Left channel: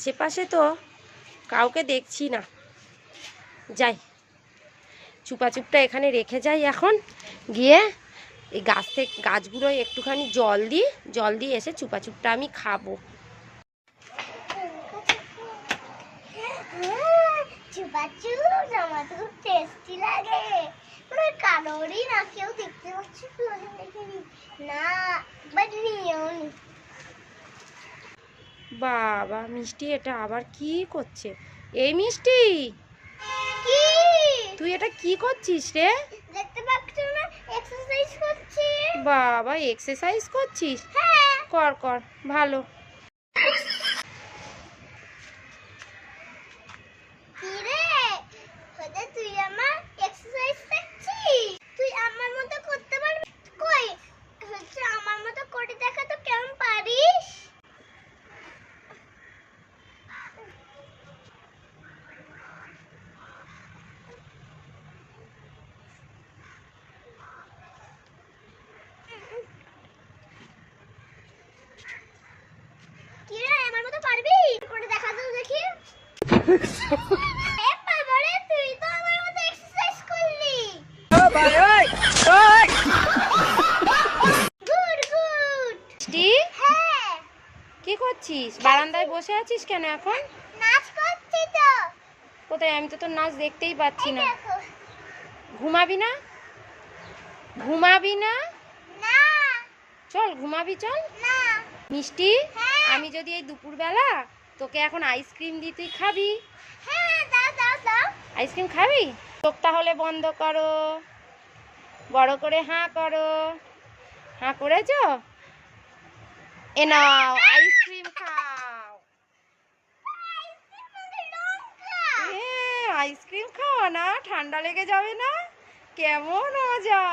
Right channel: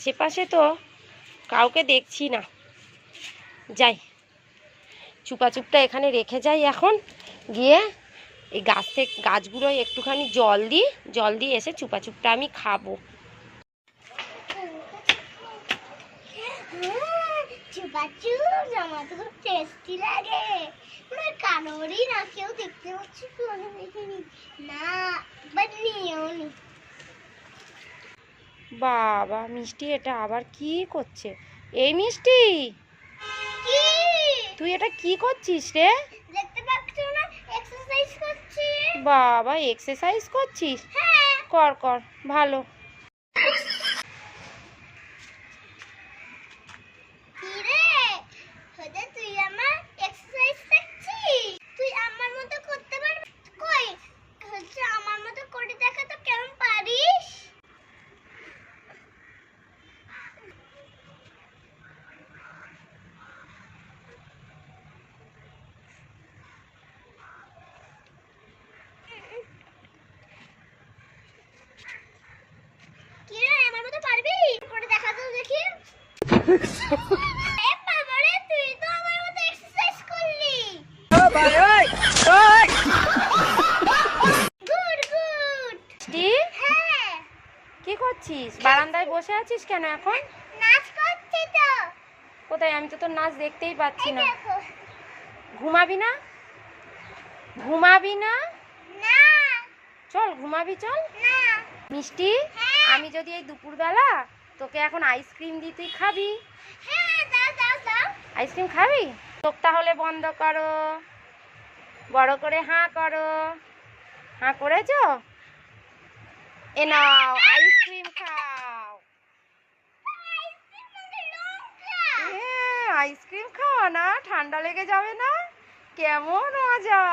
আশেপাশে তো কাউকে দেখছি না। যাই, চুপাচুপটা এখানে রেখে যাই এখন। গিয়ে এই গাছ থেকে গাছগুলোয় একটুখানি জল দিই, জল দিয়ে এসে চুপাচুপটা আমি খাব। মানে না, কেউ দেখতে পাচ্ছি না বাট নিয়েও নি। বাবা মিষ্টি এটা আবার কি করছে? এই মিষ্টি! কি? তুই এটা কি করছিস রে? দেখতে পাচ্ছ না? এক্সারসাইজ করছি। বাবা এক্সারসাইজ করছিস? হ্যাঁ। কর কর ভালো কি রে হয়তো তুই আমার এক্সারসাইজ দেখছিস তুই আমার মতো করতে পারবি কই হচ্ছে আমার মতো করে দেখা তো কেমন পারিস কি রে আমার মতো পারবি করে দেখা তো দেখি এ বাবা রে, তুই তো আমার মতো এক্সারসাইজ করলি গুড গুড মিষ্টি হ্যাঁ কি করছিস? বারান্দায় বসে আছিস কেন এখন? নাচ করছি তো কোথায়? আমি তো তোর নাচ দেখতেই পাচ্ছি না। ঘুমাবি না? ঘুমাবি না? চল ঘুমাবি চল। মিষ্টি। আমি যদি এই দুপুরবেলা তোকে এখন আইসক্রিম দিই তুই খাবি? হ্যাঁ দাও দাও দাও। আইসক্রিম খাবি? চোখ তাহলে বন্ধ করো। বড় করে হাঁ করো। হাঁ করেছ? এ নাও আইসক্রিম খাও। এ আইসক্রিম খাওয়া না ঠান্ডা লেগে যাবে না। কেমন মজা।